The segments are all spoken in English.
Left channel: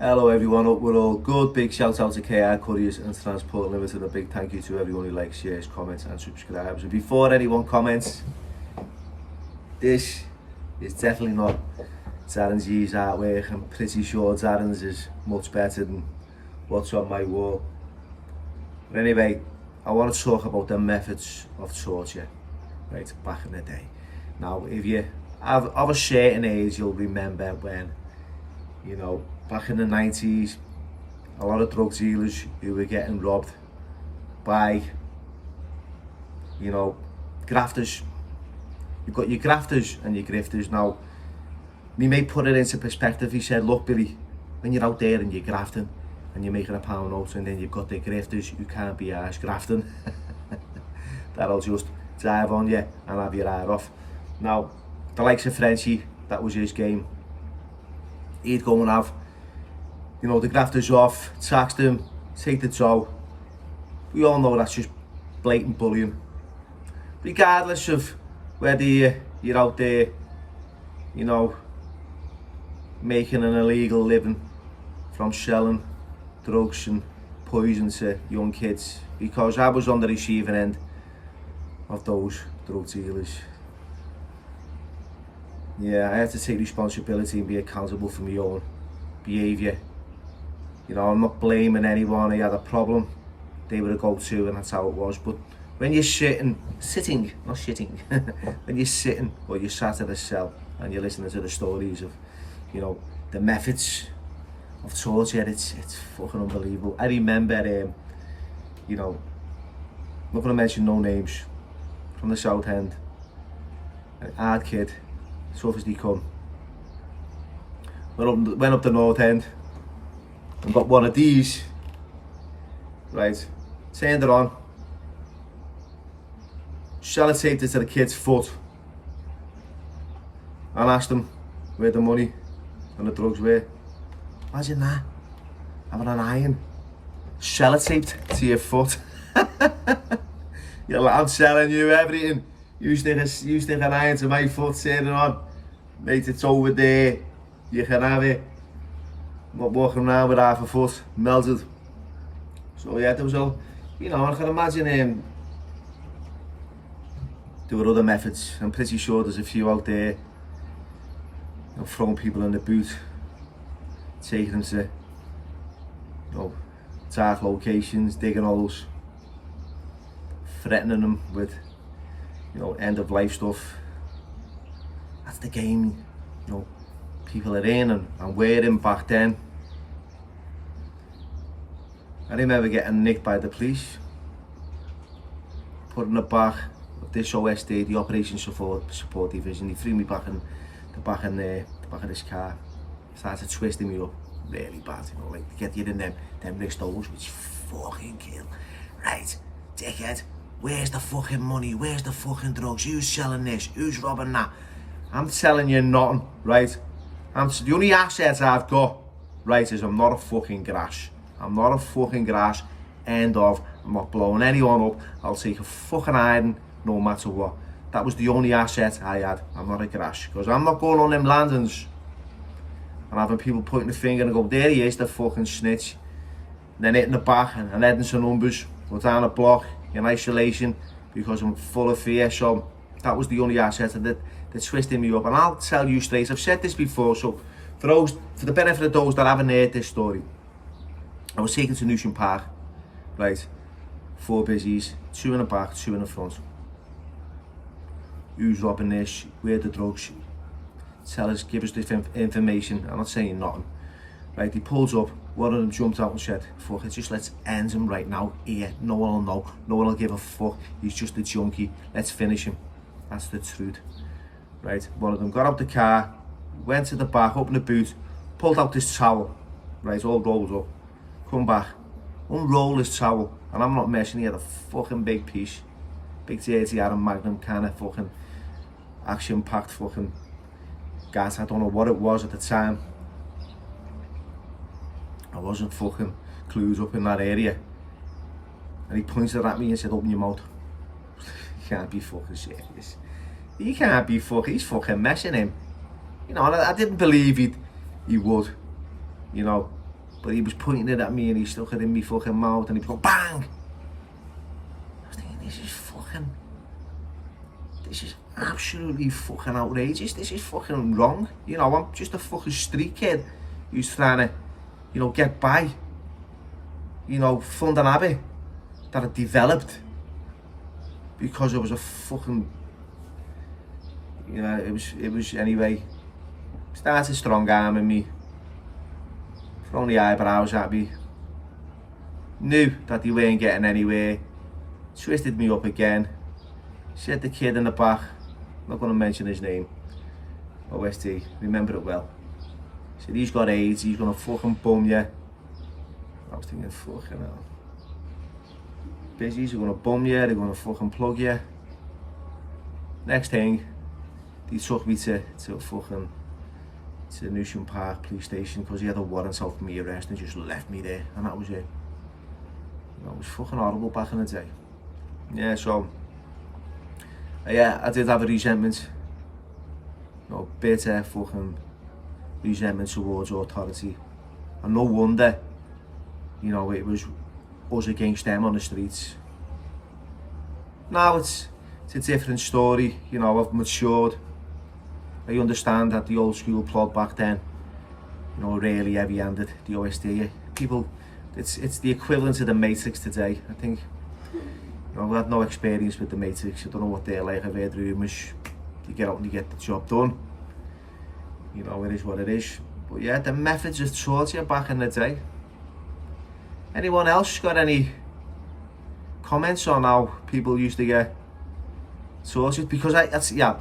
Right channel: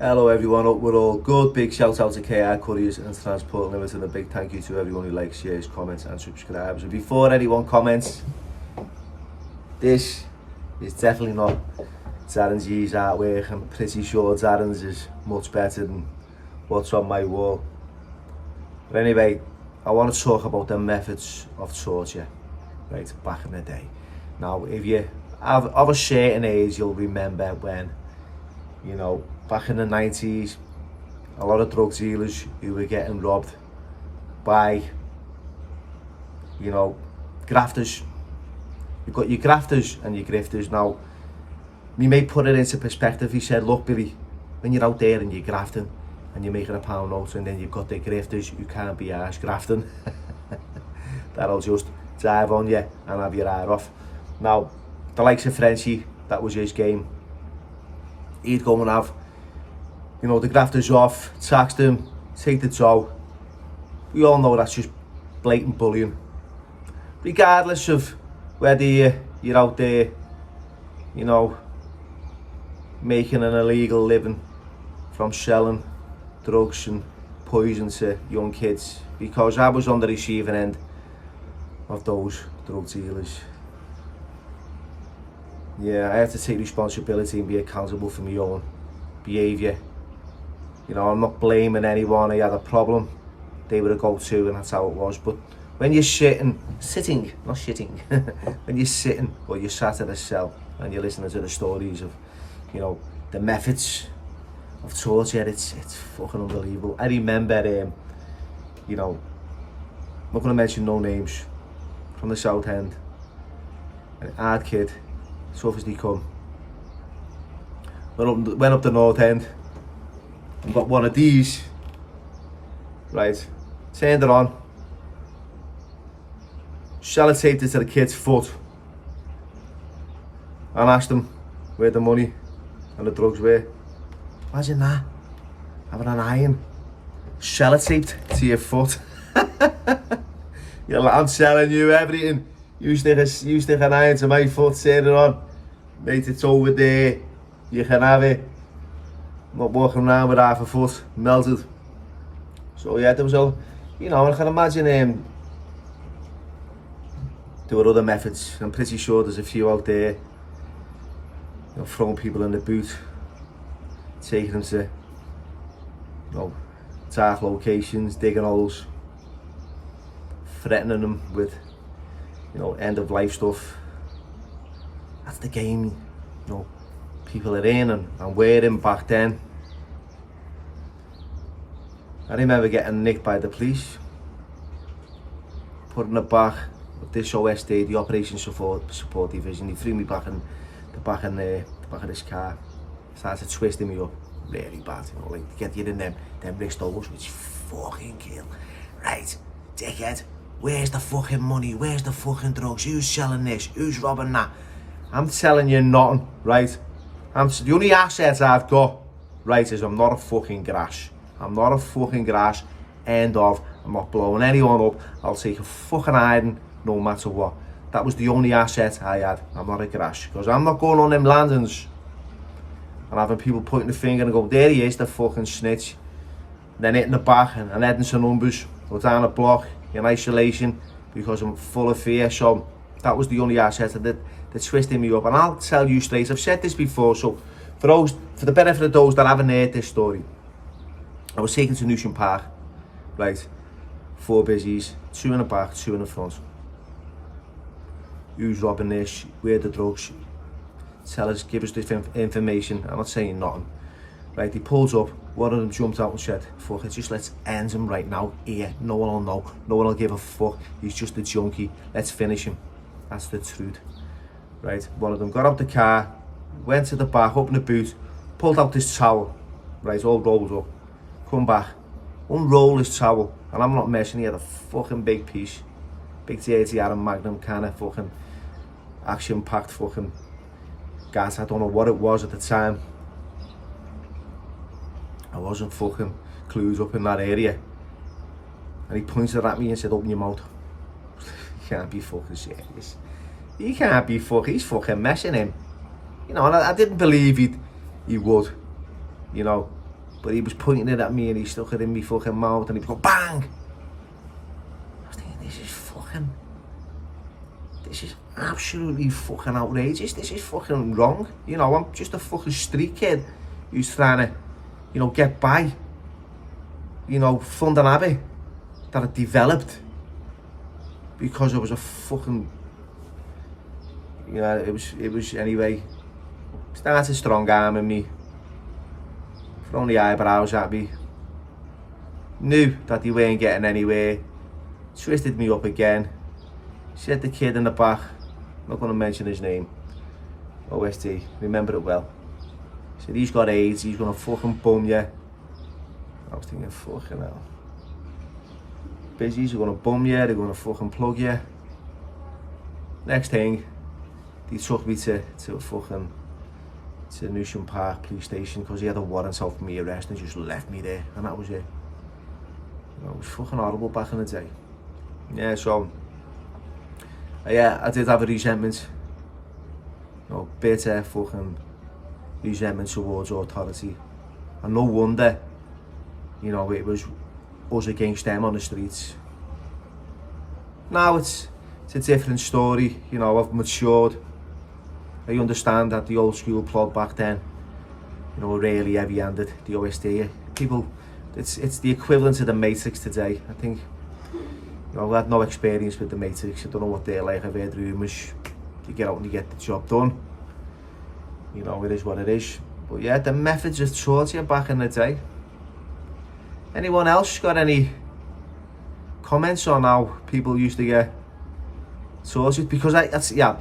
Hello everyone, hope we're all good. Big shout out to KR Couriers and Transport Limited. A big thank you to everyone who likes, shares, comments and subscribes. And before anyone comments, this is definitely not Darren's G's artwork. I'm pretty sure Darren's is much better than what's on my wall. But anyway, I want to talk about the methods of torture, right, back in the day. Now, if you have of a certain age, you'll remember when, back in the 90s, a lot of drug dealers who were getting robbed by, grafters. You've got your grafters and your grifters. Now, me mate put it into perspective. He said, look, Billy, when you're out there and you're grafting and you're making a pound note, and then you've got the grifters who can't be arsed grafting, that'll just drive on you and have your eye off. Now, the likes of Frenchie, that was his game. He'd go and have, the grafters off, tax them, take the tow. We all know that's just blatant bullying. Regardless of whether you're out there, making an illegal living from selling drugs and poison to young kids, because I was on the receiving end of those drug dealers. Yeah, I have to take responsibility and be accountable for my own behaviour. I'm not blaming anyone. I had a problem, they were a go-to, and that's how it was. But when you're sitting, not shitting, when you're sitting or you're sat in a cell and you're listening to the stories of, the methods of torture, it's fucking unbelievable. I remember, I'm not going to mention no names, from the South End, an hard kid, tough as they come. Went up the North End and got one of these, right, turned it on, sellotaped it to the kid's foot, and asked him where the money and the drugs were. Imagine that, having an iron sellotaped to your foot. You're like, I'm selling you everything. You stick an iron to my foot, turn it on, mate, it's over there, you can have it. I'm not walking around with half a foot melted. So yeah, there was all, I can imagine there were other methods. I'm pretty sure there's a few out there, throwing people in the boot, taking them to, dark locations, digging holes, threatening them with, end of life stuff. That's the game, people are in and wearing back then. I remember getting nicked by the police, put in the back of this OSD, the Operation Support Division. He threw me back in the back of this car, started twisting me up really bad, like to get you in them wrist holes, which fucking kill. Right, dickhead, where's the fucking money? Where's the fucking drugs? Who's selling this? Who's robbing that? I'm telling you nothing, right? The only asset I've got, right, is I'm not a fucking grass. I'm not a fucking grass. End of. I'm not blowing anyone up. I'll take a fucking hiding no matter what. That was the only asset I had. I'm not a grass. Because I'm not going on them landings and having people pointing the finger and go, there he is, the fucking snitch. And then hitting the back and heading to numbers or down a block in isolation because I'm full of fear. So that was the only asset that twisting me up. And I'll tell you straight, I've said this before, so for the benefit of those that haven't heard this story, I was taken to Newsham Park, right, 4 busies, 2 in the back, 2 in the front. Who's robbing this? Where the drugs? Tell us, give us this information. I'm not saying nothing. Right, he pulls up, one of them jumped out and said, fuck it, just let's end him right now, here, no one will know, no one will give a fuck, he's just a junkie, let's finish him. That's the truth. Right, one of them got out the car, went to the back, opened the boot, pulled out this towel, right, all rolled up, come back, unroll this towel, and I'm not messing, he had a fucking big piece, big 30 Adam Magnum kind of fucking action-packed fucking gas. I don't know what it was at the time. I wasn't fucking clued up in that area. And he pointed at me and said, open your mouth. You can't be fucking serious. He can't be fucking, he's fucking messing him. And I didn't believe he would, but he was pointing it at me and he stuck it in me fucking mouth and he'd go bang. I was thinking, this is absolutely fucking outrageous. This is fucking wrong. You know, I'm just a fucking street kid who's trying to, you know, get by. You know, fund an habit that I developed because I was a fucking, you know, it was anyway, started strong arming me, throwing the eyebrows at me, knew that they weren't getting anywhere, twisted me up again, said the kid in the back, I'm not going to mention his name, OST, remember it well, said he's got AIDS, he's going to fucking bum you. I was thinking, fucking hell. Busies are going to bum you, they're going to fucking plug you. Next thing, they took me to Newsham Park police station because he had a warrant out for me arrest and just left me there, and that was it. You know, it was fucking horrible back in the day. Yeah, so yeah, I did have a resentment. You know, bitter fucking resentment towards authority, and no wonder. You know, it was us against them on the streets. Now it's a different story. You know, I've matured. I understand that the old school plug back then, you know, really heavy-handed, the OST. People, it's the equivalent of the Matrix today. I think, you know, I've had no experience with the Matrix. I don't know what they're like. I've heard rumours. You get out and you get the job done. You know, it is what it is. But yeah, the methods of torture back in the day. Anyone else got any comments on how people used to get tortured? Because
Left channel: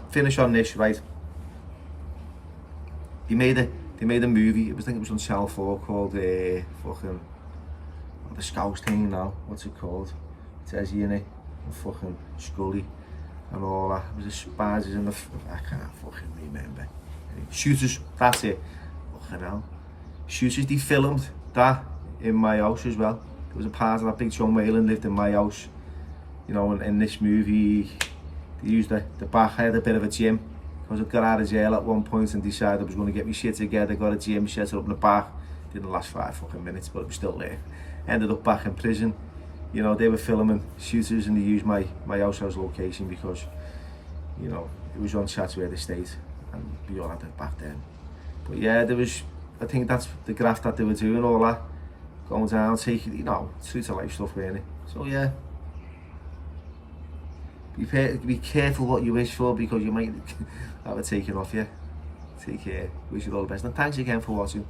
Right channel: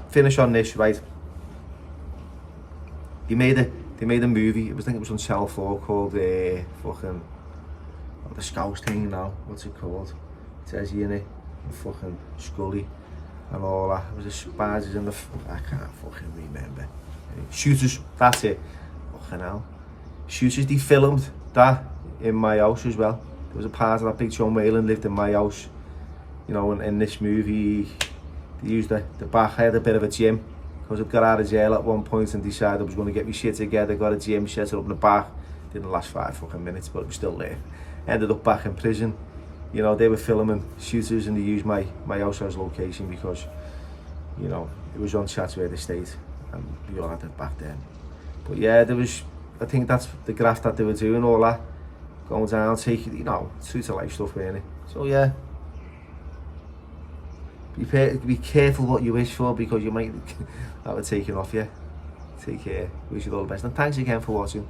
finish on this, right? They made a movie. I think it was on Channel 4 called the Scouse thing now. What's it called? It says here in it, and fucking Scully and all that. It was the spiders in the. I can't fucking remember. Shooters. That's it. Fucking hell. Shooters. They filmed that in my house as well. There was a part of that big John Whalen lived in my house. You know, in this movie, they used the back. I had a bit of a gym because I got out of jail at one point and decided I was going to get my shit together. Got a gym, set it up in the back. Didn't last 5 fucking minutes, but it was still there. Ended up back in prison. You know, they were filming shooters and they used my house as location because, you know, it was on Chatsworth Estate and we all had it back then. But yeah, there was, I think that's the graft that they were doing, all that. Going down, taking, you know, true to life stuff, really. So yeah, be careful what you wish for because you might have it taken off you. Take care, wish you all the best, and thanks again for watching.